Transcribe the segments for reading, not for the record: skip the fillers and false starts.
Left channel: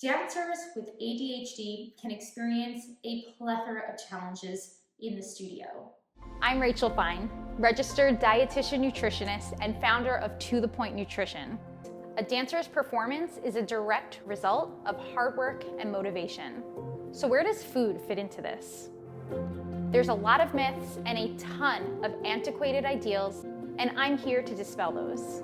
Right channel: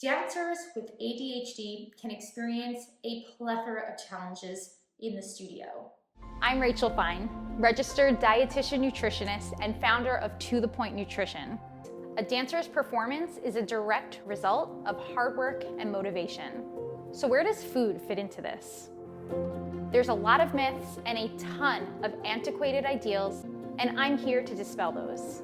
Dancers with ADHD can experience a plethora of challenges in the studio. I'm Rachel Fine, registered dietitian nutritionist and founder of To The Point Nutrition. A dancer's performance is a direct result of hard work and motivation. So where does food fit into this? There's a lot of myths and a ton of antiquated ideals, and I'm here to dispel those.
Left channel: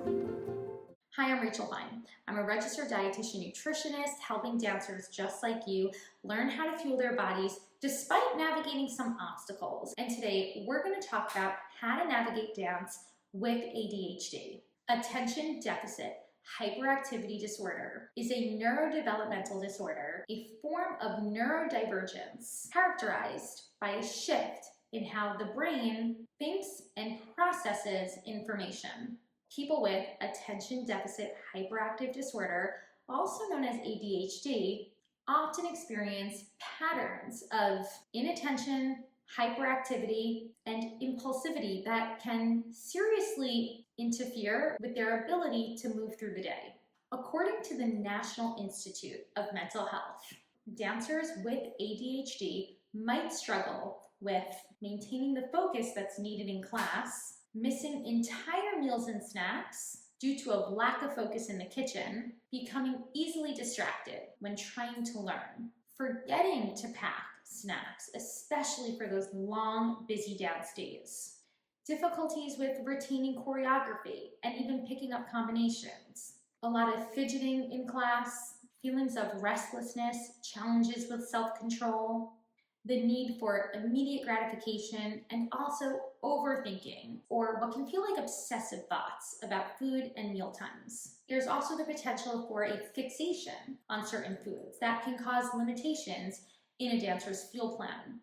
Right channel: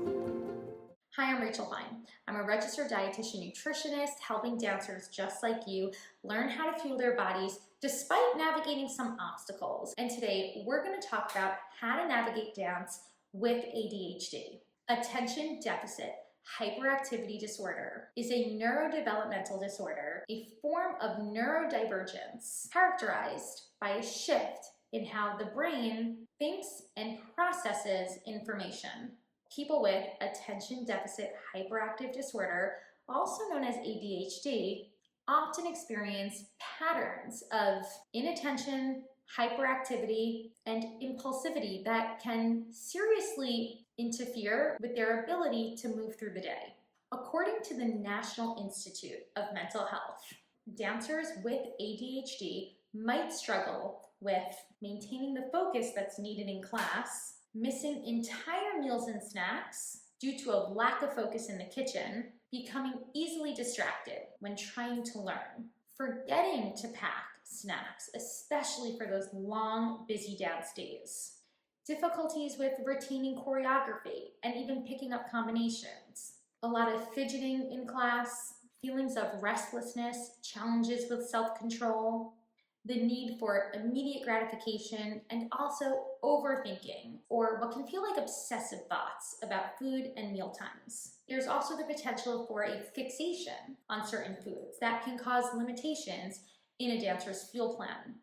Hi, I'm Rachel Fine. I'm a registered dietitian nutritionist helping dancers just like you learn how to fuel their bodies despite navigating some obstacles. And today we're going to talk about how to navigate dance with ADHD. Attention deficit hyperactivity disorder is a neurodevelopmental disorder, a form of neurodivergence characterized by a shift in how the brain thinks and processes information. People with attention deficit hyperactive disorder, also known as ADHD, often experience patterns of inattention, hyperactivity, and impulsivity that can seriously interfere with their ability to move through the day. According to the National Institute of Mental Health, dancers with ADHD might struggle with maintaining the focus that's needed in class, missing entire meals and snacks due to a lack of focus in the kitchen, becoming easily distracted when trying to learn, forgetting to pack snacks, especially for those long, busy dance days, difficulties with retaining choreography and even picking up combinations, a lot of fidgeting in class, feelings of restlessness, challenges with self-control, the need for immediate gratification, and also overthinking, or what can feel like obsessive thoughts about food and meal times. There's also the potential for a fixation on certain foods that can cause limitations in a dancer's fuel plan.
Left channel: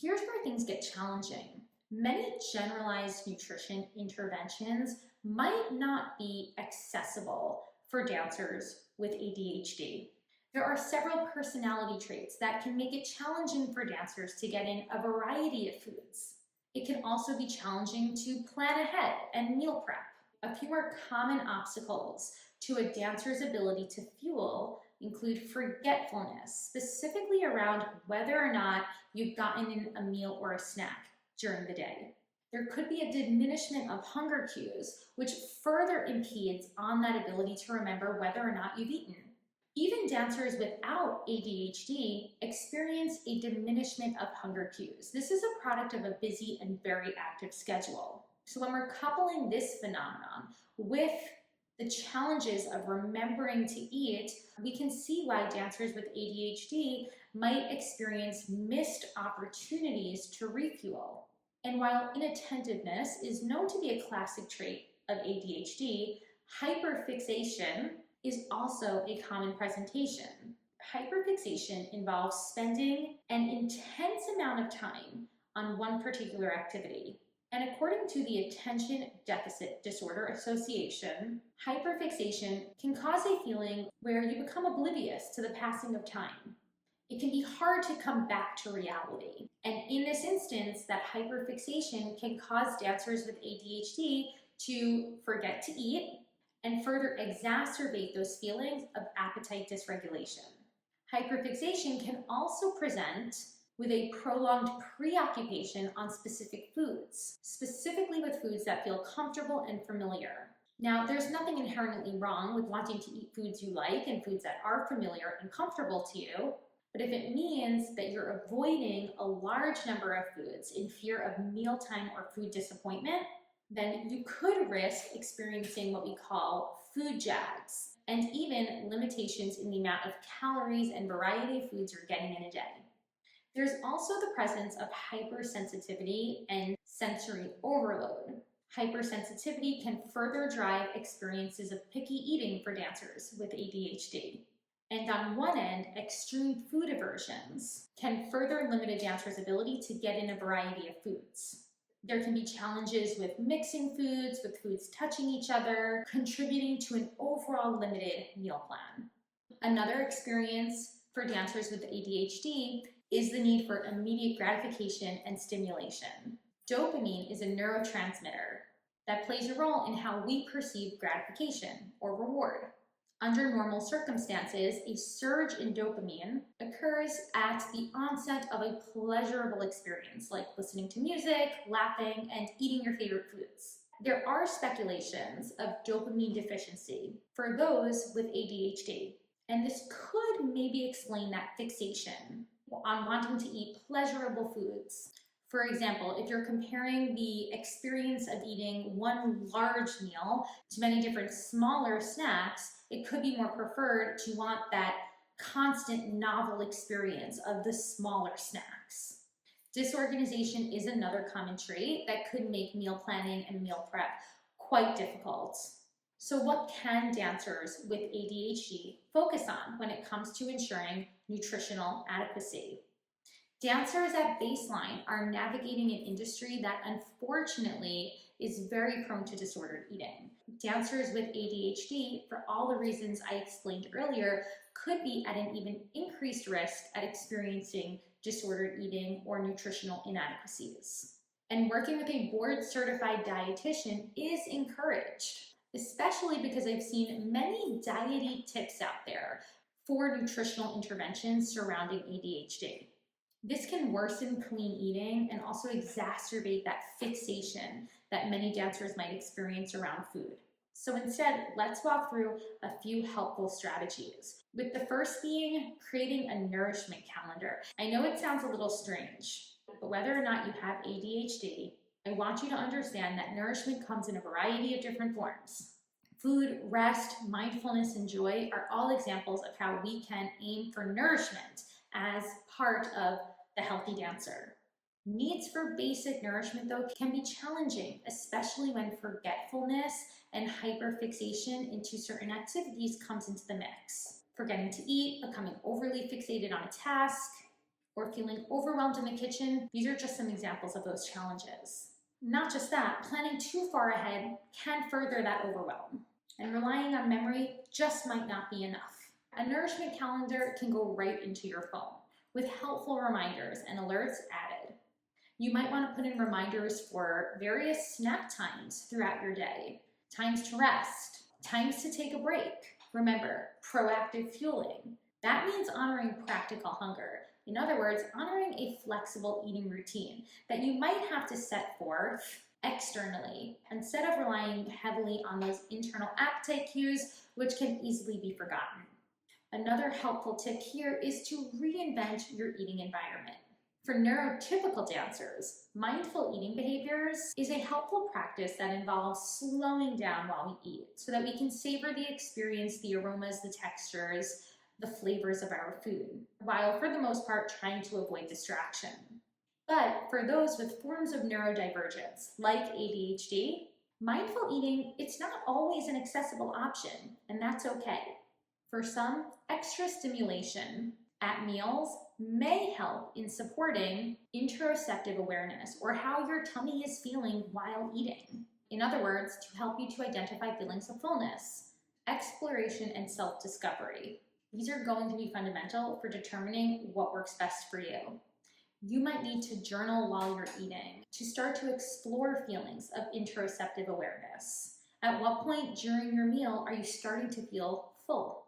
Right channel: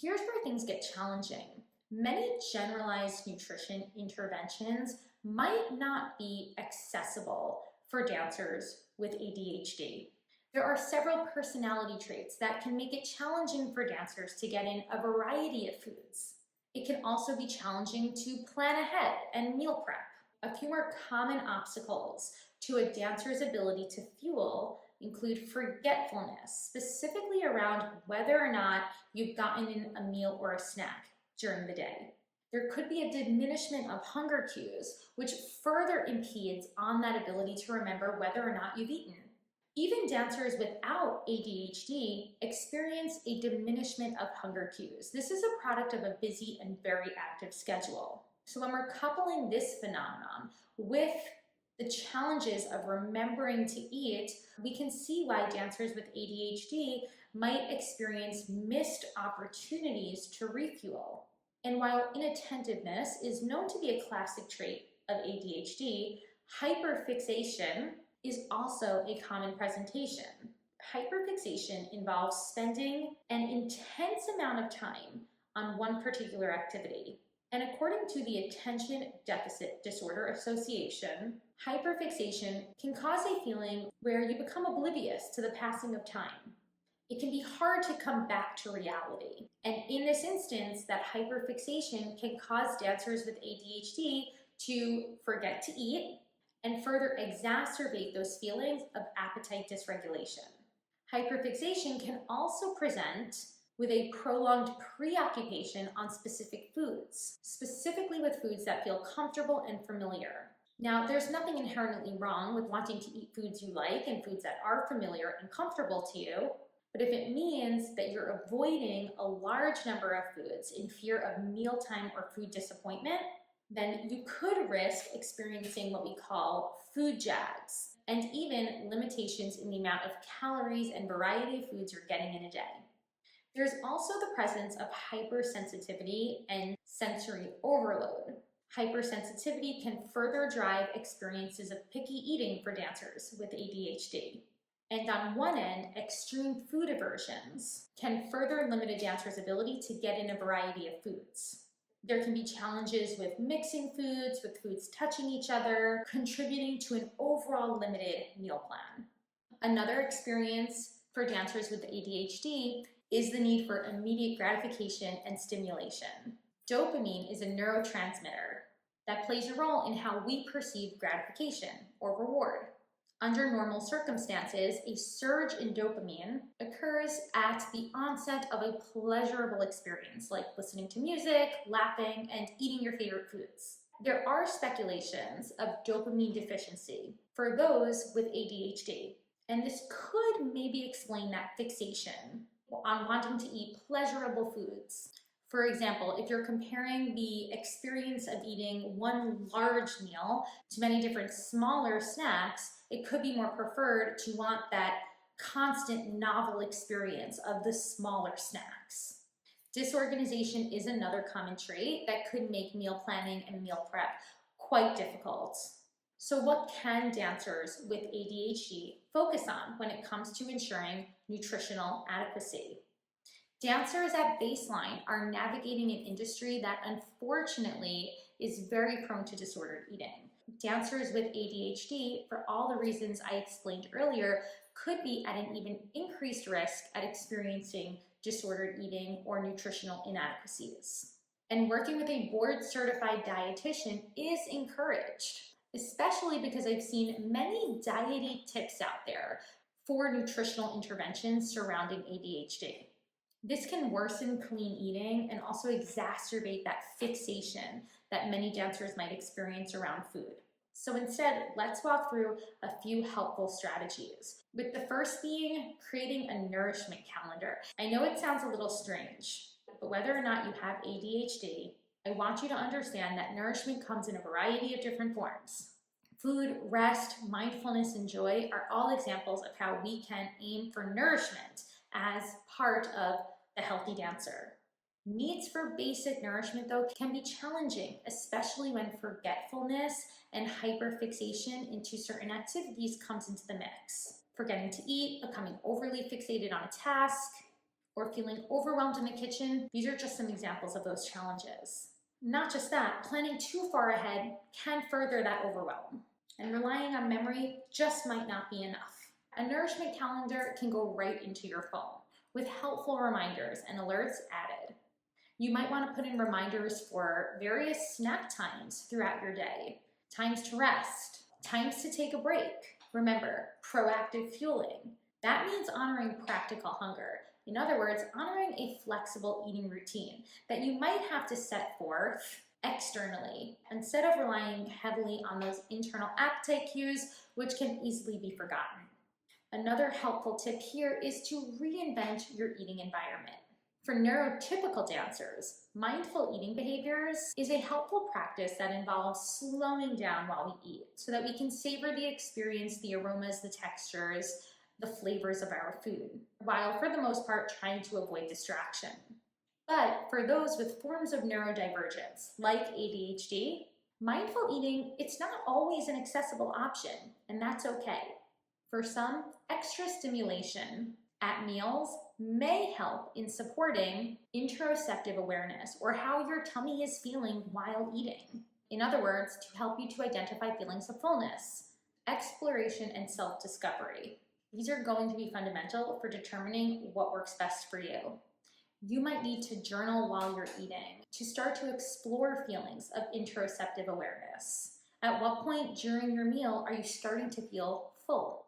Here's where things get challenging. Many generalized nutrition interventions might not be accessible for dancers with ADHD. There are several personality traits that can make it challenging for dancers to get in a variety of foods. It can also be challenging to plan ahead and meal prep. A few more common obstacles to a dancer's ability to fuel include forgetfulness, specifically around whether or not you've gotten in a meal or a snack during the day. There could be a diminishment of hunger cues, which further impedes on that ability to remember whether or not you've eaten. Even dancers without ADHD experience a diminishment of hunger cues. This is a product of a busy and very active schedule. So when we're coupling this phenomenon with the challenges of remembering to eat, we can see why dancers with ADHD might experience missed opportunities to refuel. And while inattentiveness is known to be a classic trait of ADHD, hyperfixation is also a common presentation. Hyperfixation involves spending an intense amount of time on one particular activity. And according to the Attention Deficit Disorder Association, hyperfixation can cause a feeling where you become oblivious to the passing of time. It can be hard to come back to reality. And in this instance, that hyperfixation can cause dancers with ADHD to forget to eat and further exacerbate those feelings of appetite dysregulation. Hyperfixation can also present with a prolonged preoccupation on specific foods, specifically with foods that feel comfortable and familiar. Now, there's nothing inherently wrong with wanting to eat foods you like and foods that are familiar and comfortable to you, but if it means that you're avoiding a large number of foods in fear of mealtime or food disappointment, then you could risk experiencing what we call food jags, and even limitations in the amount of calories and variety of foods you're getting in a day. There's also the presence of hypersensitivity and sensory overload. Hypersensitivity can further drive experiences of picky eating for dancers with ADHD. And on one end, extreme food aversions can further limit a dancer's ability to get in a variety of foods. There can be challenges with mixing foods, with foods touching each other, contributing to an overall limited meal plan. Another experience for dancers with ADHD is the need for immediate gratification and stimulation. Dopamine is a neurotransmitter that plays a role in how we perceive gratification or reward. Under normal circumstances, a surge in dopamine occurs at the onset of a pleasurable experience, like listening to music, laughing, and eating your favorite foods. There are speculations of dopamine deficiency for those with ADHD, and this could maybe explain that fixation on wanting to eat pleasurable foods. For example, if you're comparing the experience of eating one large meal to many different smaller snacks, it could be more preferred to want that constant novel experience of the smaller snacks. Disorganization is another common trait that could make meal planning and meal prep quite difficult. So what can dancers with ADHD focus on when it comes to ensuring nutritional adequacy? Dancers at baseline are navigating an industry that unfortunately is very prone to disordered eating. Dancers with ADHD, for all the reasons I explained earlier, could be at an even increased risk at experiencing disordered eating or nutritional inadequacies. And working with a board-certified dietitian is encouraged, especially because I've seen many diety tips out there for nutritional interventions surrounding ADHD. This can worsen clean eating and also exacerbate that fixation that many dancers might experience around food. So instead, let's walk through a few helpful strategies, with the first being creating a nourishment calendar. I know it sounds a little strange, but whether or not you have ADHD, I want you to understand that nourishment comes in a variety of different forms. Food, rest, mindfulness, and joy are all examples of how we can aim for nourishment as part of the healthy dancer. Needs for basic nourishment, though, can be challenging, especially when forgetfulness and hyperfixation into certain activities comes into the mix. Forgetting to eat, becoming overly fixated on a task, or feeling overwhelmed in the kitchen, these are just some examples of those challenges. Not just that, planning too far ahead can further that overwhelm, and relying on memory just might not be enough. A nourishment calendar can go right into your phone, with helpful reminders and alerts added. You might want to put in reminders for various snack times throughout your day, times to rest, times to take a break. Remember, proactive fueling. That means honoring practical hunger. In other words, honoring a flexible eating routine that you might have to set forth externally instead of relying heavily on those internal appetite cues, which can easily be forgotten. Another helpful tip here is to reinvent your eating environment. For neurotypical dancers, mindful eating behaviors is a helpful practice that involves slowing down while we eat so that we can savor the experience, the aromas, the textures, the flavors of our food, while for the most part trying to avoid distraction. But for those with forms of neurodivergence, like ADHD, mindful eating, it's not always an accessible option, and that's okay. For some, extra stimulation at meals may help in supporting interoceptive awareness, or how your tummy is feeling while eating. In other words, to help you to identify feelings of fullness, exploration, and self-discovery. These are going to be fundamental for determining what works best for you. You might need to journal while you're eating to start to explore feelings of interoceptive awareness. At what point during your meal are you starting to feel full?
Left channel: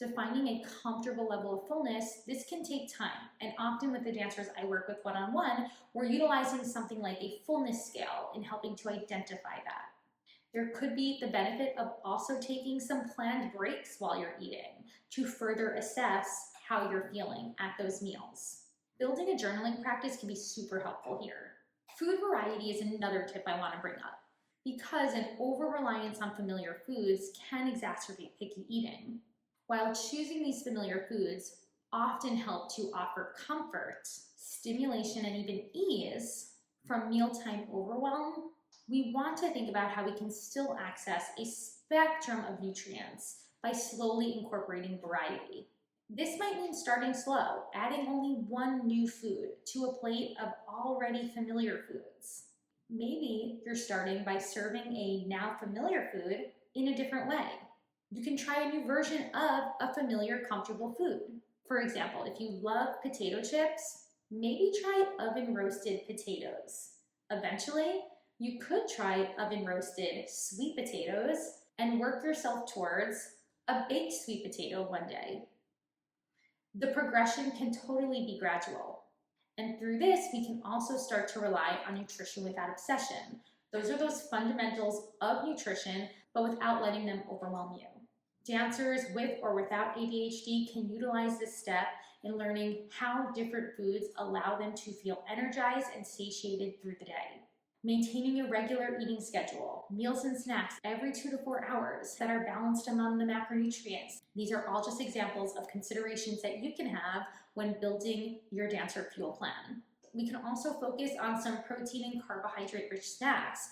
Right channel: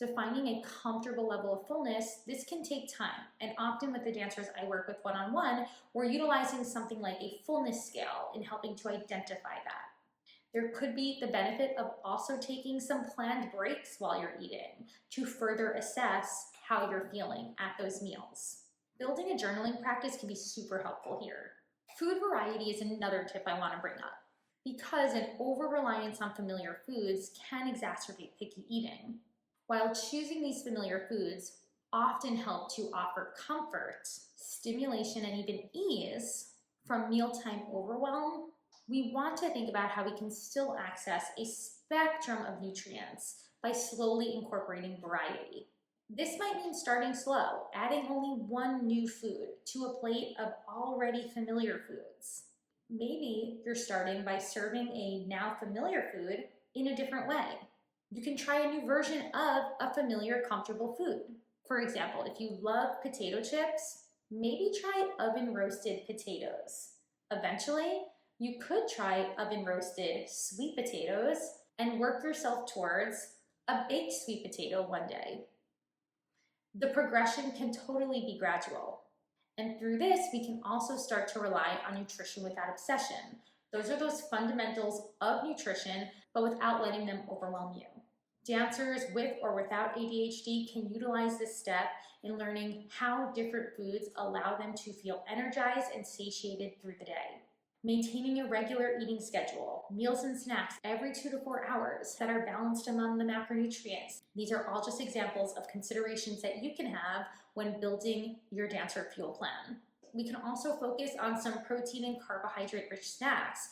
Defining a comfortable level of fullness, this can take time, and often with the dancers I work with one-on-one, we're utilizing something like a fullness scale in helping to identify that. There could be the benefit of also taking some planned breaks while you're eating to further assess how you're feeling at those meals. Building a journaling practice can be super helpful here. Food variety is another tip I want to bring up, because an over-reliance on familiar foods can exacerbate picky eating. While choosing these familiar foods often help to offer comfort, stimulation, and even ease from mealtime overwhelm, we want to think about how we can still access a spectrum of nutrients by slowly incorporating variety. This might mean starting slow, adding only one new food to a plate of already familiar foods. Maybe you're starting by serving a now familiar food in a different way. You can try a new version of a familiar, comfortable food. For example, if you love potato chips, maybe try oven roasted potatoes. Eventually, you could try oven roasted sweet potatoes and work yourself towards a baked sweet potato one day. The progression can totally be gradual. And through this, we can also start to rely on nutrition without obsession. Those are those fundamentals of nutrition, but without letting them overwhelm you. Dancers with or without ADHD can utilize this step in learning how different foods allow them to feel energized and satiated through the day. Maintaining a regular eating schedule, meals and snacks every 2 to 4 hours that are balanced among the macronutrients. These are all just examples of considerations that you can have when building your dancer fuel plan. We can also focus on some protein and carbohydrate-rich snacks.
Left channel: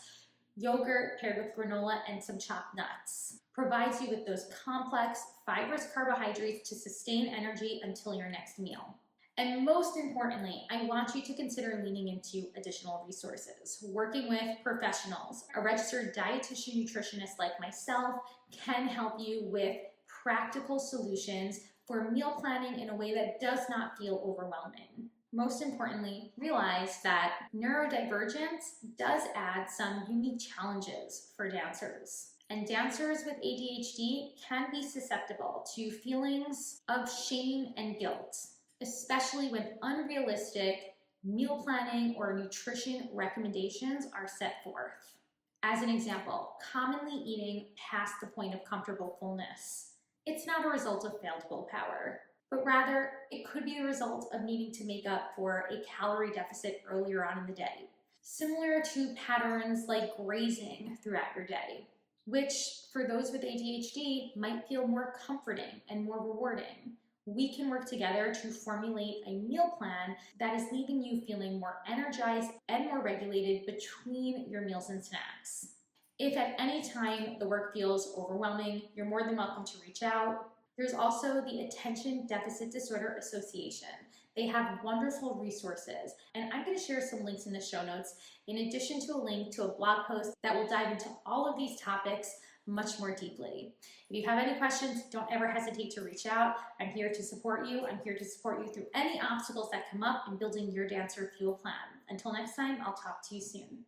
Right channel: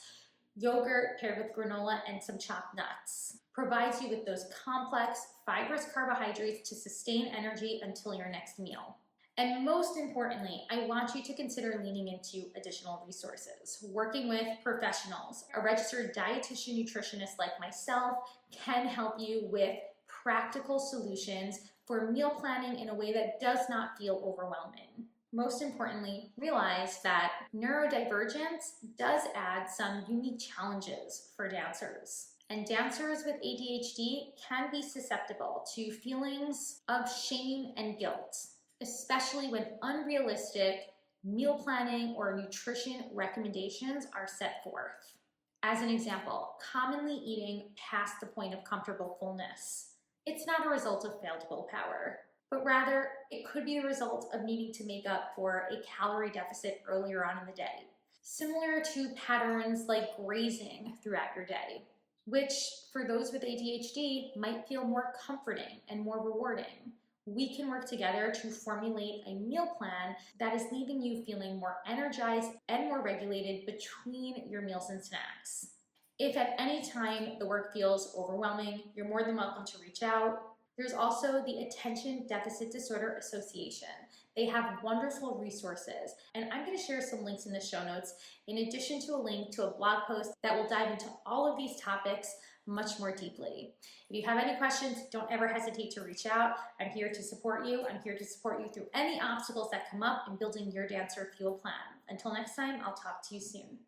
Yogurt paired with granola and some chopped nuts provides you with those complex, fibrous carbohydrates to sustain energy until your next meal. And most importantly, I want you to consider leaning into additional resources. Working with professionals, a registered dietitian nutritionist like myself can help you with practical solutions for meal planning in a way that does not feel overwhelming. Most importantly, realize that neurodivergence does add some unique challenges for dancers. And dancers with ADHD can be susceptible to feelings of shame and guilt, especially when unrealistic meal planning or nutrition recommendations are set forth. As an example, commonly eating past the point of comfortable fullness. It's not a result of failed willpower, but rather it could be the result of needing to make up for a calorie deficit earlier on in the day, similar to patterns like grazing throughout your day, which for those with ADHD might feel more comforting and more rewarding. We can work together to formulate a meal plan that is leaving you feeling more energized and more regulated between your meals and snacks. If at any time the work feels overwhelming, you're more than welcome to reach out. There's also the Attention Deficit Disorder Association. They have wonderful resources, and I'm going to share some links in the show notes, in addition to a link to a blog post that will dive into all of these topics much more deeply. If you have any questions, don't ever hesitate to reach out. I'm here to support you. I'm here to support you through any obstacles that come up in building your dancer fuel plan. Until next time, I'll talk to you soon.